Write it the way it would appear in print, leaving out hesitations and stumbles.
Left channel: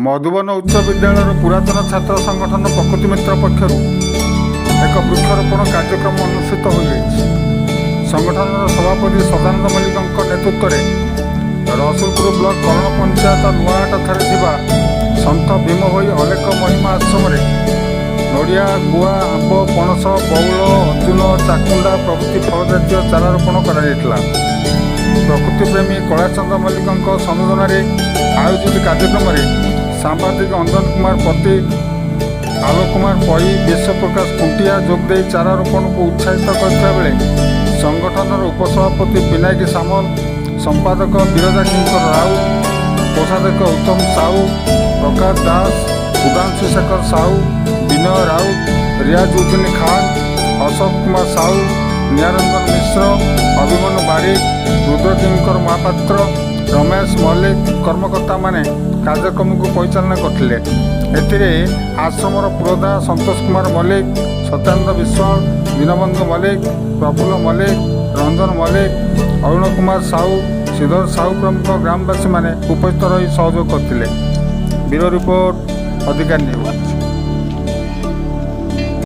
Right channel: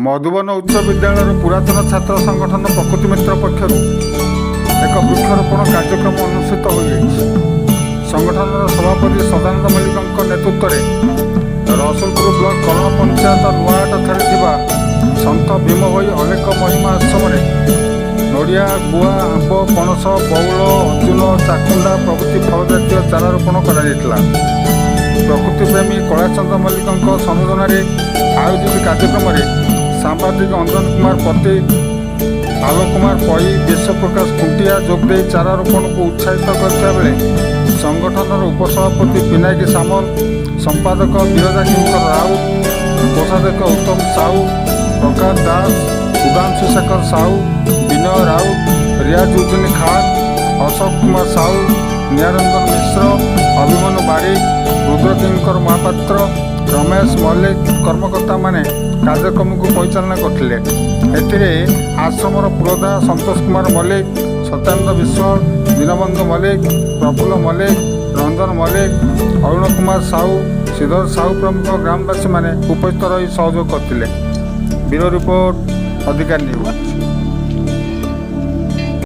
मधुबन उच्च विद्यालय पुरातन छात्र संगठन प्रकृति मित्र पक्षर एक वृक्षरोपण कार्यक्रम अनुष्ठित हो संगठन सभापति सदानंद मल्लिक नेतृत्व में रसुलपुर ब्लॉक कर्ण पंचायत नुआहाट सन्त भीम भई अलेक महिमा आश्रम नड़िया गुआ आंब पणस बउल अर्जुन चाकुंडा प्रभृति फल जातीय चारा रोपण कर प्रकृति प्रेमी कैलाशचंद्र मल्लिक संयोजन आयोजित कार्यक्रम में सांबादिक अंजन कुमार पति आलोक कुमार पई विश्वप्रकाश खुंटिया जोगदे चारा रोपण को उत्साहित करता बेले संगठन उपसभापति पिनाकी सामल संपादक बिरजा किंकर राउत कोषाध्यक्ष उत्तम साहू प्रकाश दास सुधांशु शेखर साहू विनय राउत रियाजुद्दीन खान अशोक कुमार साहू निरंजन मिश्र अभिमन्यु बारिक रुद्रकिंकर महापात्र रमेश मल्लिक कर्मकर्ता माने कार्यक्रम को परिचालना करते आश्रमर पुरोधा संतोष कुमार मल्लिक सत्यानंद विश्वाल दीनबंधु मल्लिक प्रफुल्ल मल्लिक रंजन मल्लिक अरुण कुमार साहू श्रीधर साहू प्रमुख ग्रामवासी माने उपस्थित रही सहयोग करते। ब्यूरो रिपोर्ट अधिकार न्यूज।